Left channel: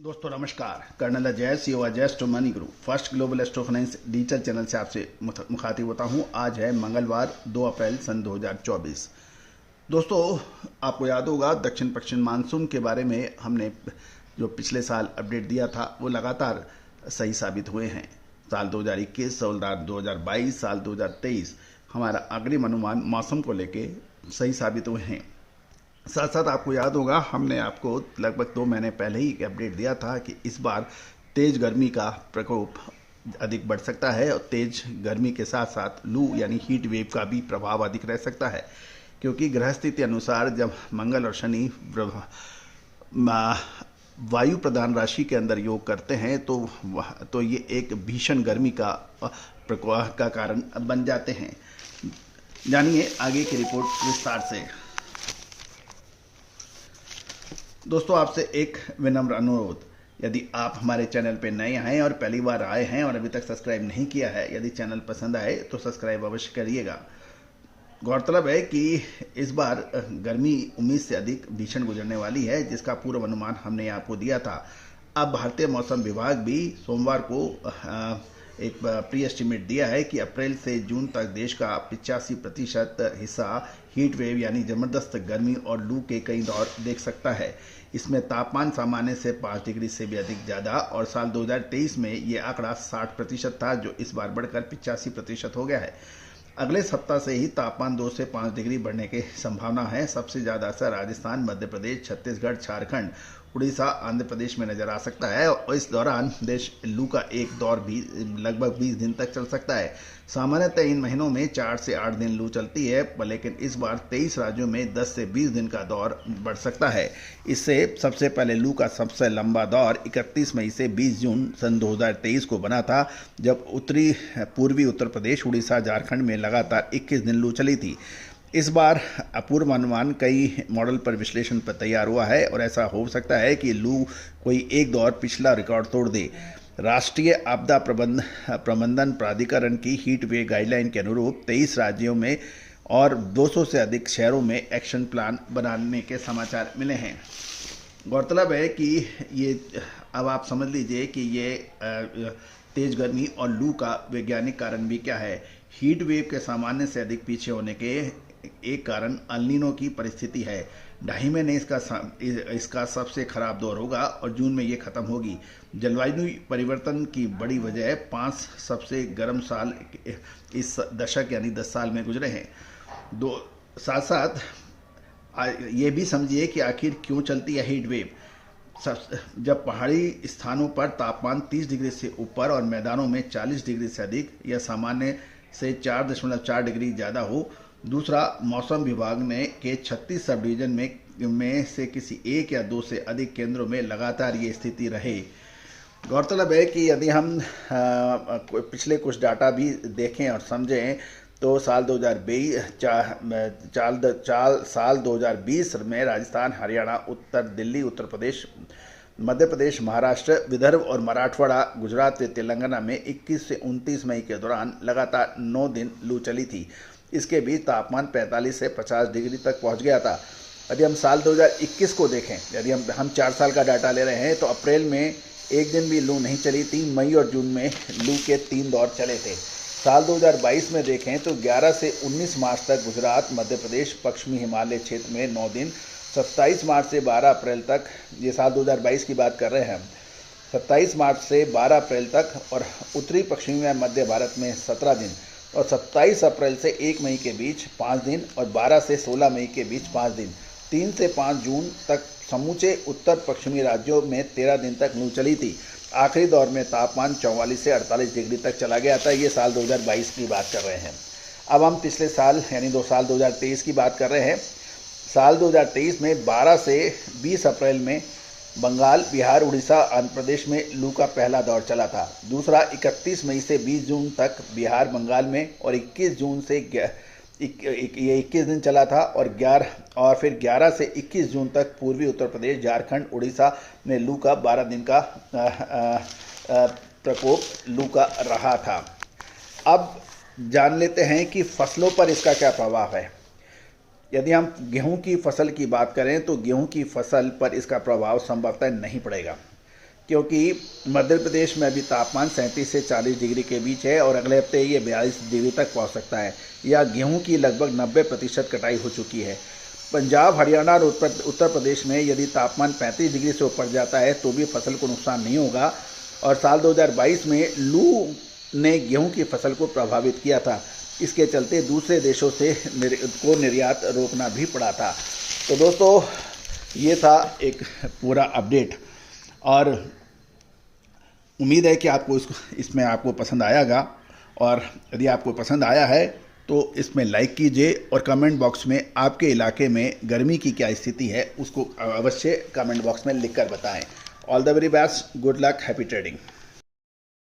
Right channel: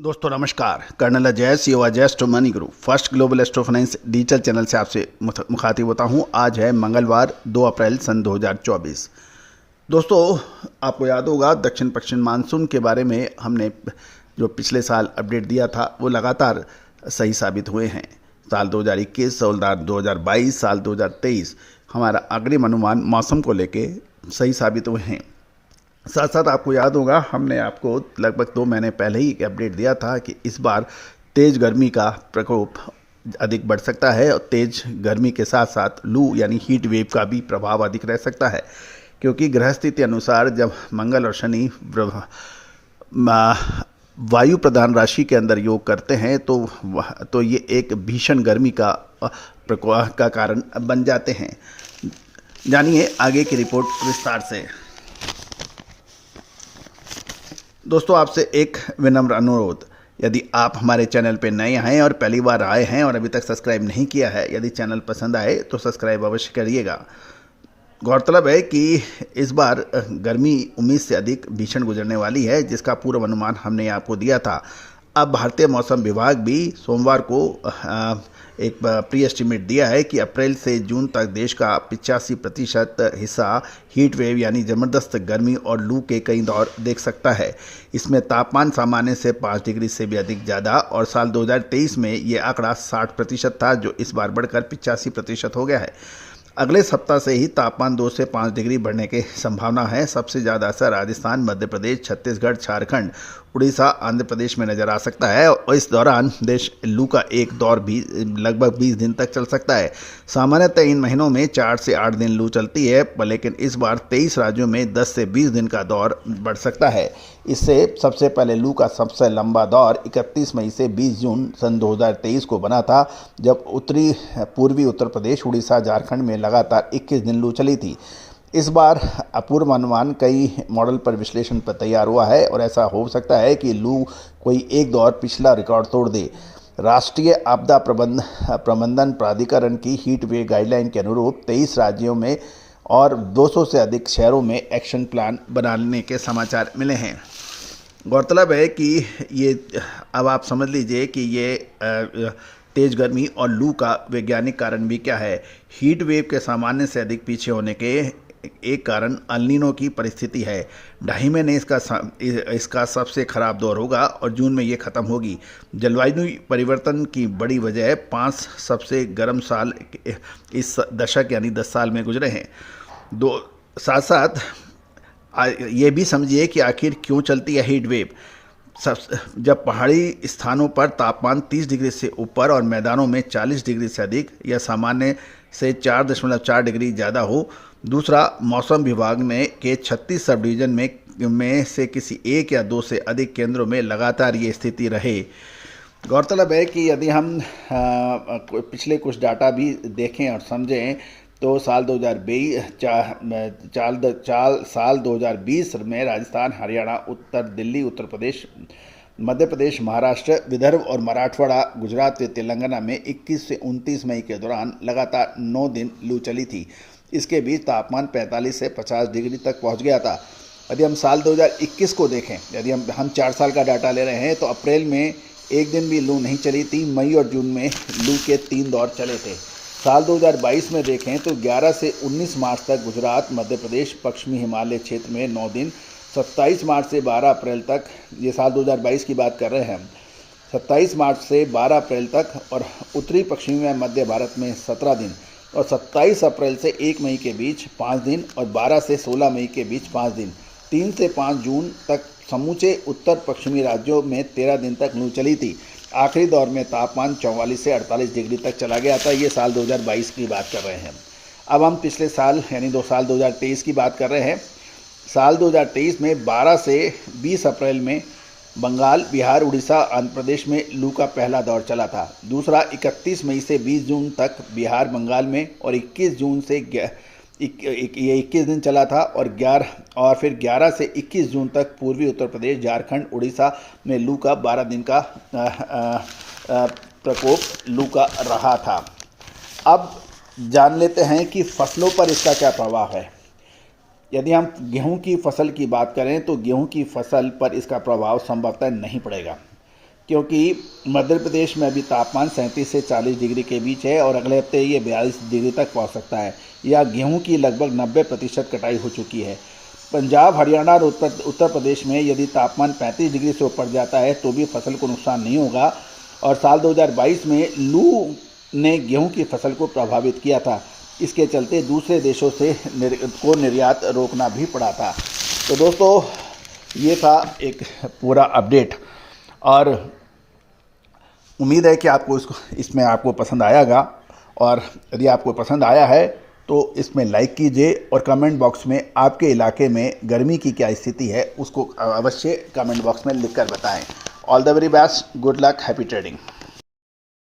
दोस्तों नमस्कार। Colonel Ajay CO Ajay astro money guru first global astro finance digital channel से आपसे मुखातिब होता हूं। आज है मंगलवार 2 अप्रैल सन 2024। दोस्तों आपको याद होगा दक्षिण पश्चिम मानसून के बारे में हमने जो पिछले साल अपडेट दिया था वो लगातार सही साबित हुए हैं। साल 2021, साल 2022, साल 2023 हमारा अग्रिम अनुमान मौसम को लेके सही साबित हुए हैं। साथ साथ आपको याद होगा हमने आपको लगभग 2 महीने पहले ही एक अपडेट दिया था कि इस बार तेज़ गर्मी का प्रकोप अधिक बढ़ सकता है और तेज़ गर्मी के साथ साथ लू यानी हीट वेव का भी प्रभाव अधिक रह सकता है, क्योंकि ग्रह स्थिति अनुसार जब मंगल और शनि वायु प्रधान राशि के अंदर योग करते हैं तो ये एक भीषण गर्मी का प्रकोप का कारण बन जाते हैं। जानिए आगे की रिपोर्ट विस्तार से। दोस्तों आपसे एक विनम्र अनुरोध, यदि आप हमारे चैनल पर नए हैं और पहली बार आए हैं और अभी तक सब्सक्राइब नहीं किया है, यदि चैनल पसंद आए तो सब्सक्राइब अवश्य करिएगा। गौरतलब है कि इस बार गर्मी उम्मीद से अधिक भीषण गुजरने वाली है, जिसका पूर्व अनुमान हमने आपको दिया था। अब भारतीय मौसम विभाग भी सोमवार को एक प्री एस्टिमेट दिया है कि अप्रैल से जून तक देश का 85% हिस्सा हीट वेव यानी ज़बरदस्त गर्मी और लू के कई दौर देख सकता है। इसमें तापमान सामान्य से 5 डिग्री से भी अधिक ज़्यादा और साल 2023 में ये आंकड़ा 60% था, जो इस बार बढ़कर 85% हो गया है। अगले सप्ताह से ही तापमान 2 से 5 डिग्री बढ़ने की संभावना है। सबसे ज़्यादा असर राजस्थान, मध्य प्रदेश, छत्तीसगढ़, झारखंड, उड़ीसा, आंध्र प्रदेश में नज़र आ सकता है और इस दौरान देश लू का एक दौर भी लगभग 20 दिन तक चल सकता है। सामान्यतः इन महीनों में 4 से 8 दिन लू चलती है, लेकिन इस बार 23 राज्यों में 10 से 20 दिन का दौर बढ़ सकता है। इससे सबसे पहले लू का सबसे लंबा दौर 31 मई से 20 जून सन 2023 को बना था, जब पूर्वी उत्तर प्रदेश, उड़ीसा, झारखंड में लगातार 21 दिन लू चली थी। इस बार अपूर्व अनुमान कई मॉडल पर विश्लेषण पर तैयार हुआ है और ऐसा हो सकता है कि लू कोई एक दौर पिछला रिकॉर्ड तोड़ दे। राष्ट्रीय आपदा प्रबंधन प्राधिकरण की हीट वेव गाइडलाइन के अनुरूप 23 राज्यों में और 200 से अधिक शहरों में एक्शन प्लान बनाने के समाचार मिले हैं। गौरतलब है कि ये अब आप समझ लीजिए कि ये तेज़ गर्मी और लू का वैज्ञानिक कारण भी क्या है। हीट वेव के सामान्य से अधिक पीछे होने के एक कारण अल नीनो की परिस्थिति है। 2.5 महीने इसका सबसे खराब दौर होगा और जून में ये ख़त्म होगी। जलवायु परिवर्तन की बड़ी वजह 5 सबसे गर्म साल इस दशक यानी 10 साल में गुजरे हैं। साथ साथ ये भी समझिए कि आखिर क्यों चलती है हीट वेव। जब पहाड़ी स्थानों पर तापमान 30 डिग्री से ऊपर और मैदानों में 40 डिग्री से अधिक या सामान्य से 4.4 डिग्री ज़्यादा हो। दूसरा, मौसम विभाग ने के 36 सब डिवीज़न में से किसी एक या 2 से अधिक केंद्रों में लगातार ये स्थिति रहे। गौरतलब है कि यदि हम पिछले कुछ डाटा भी देखें और समझें तो साल 2020 में राजस्थान, हरियाणा, उत्तर दिल्ली, उत्तर प्रदेश, मध्य प्रदेश, महाराष्ट्र, विदर्भ और मराठवाड़ा, गुजरात व तेलंगाना में 21 से 29 मई के दौरान लगातार 9 दिन लू चली थी। इसके बीच तापमान 45 से 50 डिग्री तक पहुंच गया था। यदि हम साल 2021 को देखें, यदि हम 4 साल का डाटा ले रहे हैं, तो अप्रैल में एक दिन भी लू नहीं चली थी। मई और जून में लू के 3 दौर चले थे। साल 2022 में देखें तो 11 से 19 मार्च तक गुजरात, मध्य प्रदेश, पश्चिमी हिमालय क्षेत्र में 9 दिन, 27 मार्च से 12 अप्रैल तक, ये साल 2022 की बात कर रहे हैं हम, 27 मार्च से 12 अप्रैल तक, और उत्तरी पश्चिमी व मध्य भारत में 17 दिन, और 27 अप्रैल से 1 मई के बीच 5 दिन, और 12 से 16 मई के बीच 5 दिन। 3 से 5 जून तक समूचे उत्तर पश्चिमी राज्यों में 13 दिन तक लू चली थी। आखिरी दौर में तापमान 44 से 48 डिग्री तक चला गया था। ये साल 2022 की बात कर रहे हैं। अब हम पिछले साल यानी साल 2023 की बात कर रहे हैं। साल 2023 में 12 से 20 अप्रैल में बंगाल, बिहार, उड़ीसा, आंध्र प्रदेश में लू का पहला दौर चला था। दूसरा 31 मई से 20 जून तक बिहार, बंगाल में, और 21 जून से ये 21 दिन चला था, और फिर 11 से 21 जून तक पूर्वी उत्तर प्रदेश, झारखंड, उड़ीसा में लू का 12 दिन का प्रकोप लू का रहा था। अब जान लेते हैं कि फसलों पर इसका क्या प्रभाव है। यदि हम गेहूं की फसल की बात करें तो गेहूं की फसल पर इसका प्रभाव संभवतः नहीं पड़ेगा, क्योंकि मध्य प्रदेश में अभी तापमान 37 से 40 डिग्री के बीच है और अगले हफ्ते ये 42 डिग्री तक पहुंच सकता है। या गेहूं की लगभग 90% कटाई हो चुकी है। पंजाब, हरियाणा और उत्तर प्रदेश में यदि तापमान 35 डिग्री से ऊपर जाता है तो भी फसल को नुकसान नहीं होगा। और साल 2022 में लू ने गेहूं की फसल को प्रभावित किया था। इसके चलते दूसरे देशों से निर्यात रोकना भी पड़ा था। तो दोस्तों, ये था एक पूरा अपडेट और उम्मीद है कि आपको इसमें आपको पसंद आएगा। और यदि आपको पसंद आया है तो इसमें लाइक कीजिए और कमेंट बॉक्स में आपके इलाके में गर्मी की क्या स्थिति है उसको अवश्य कमेंट बॉक्स में लिखकर बताएं। All the very best, good luck, happy trading.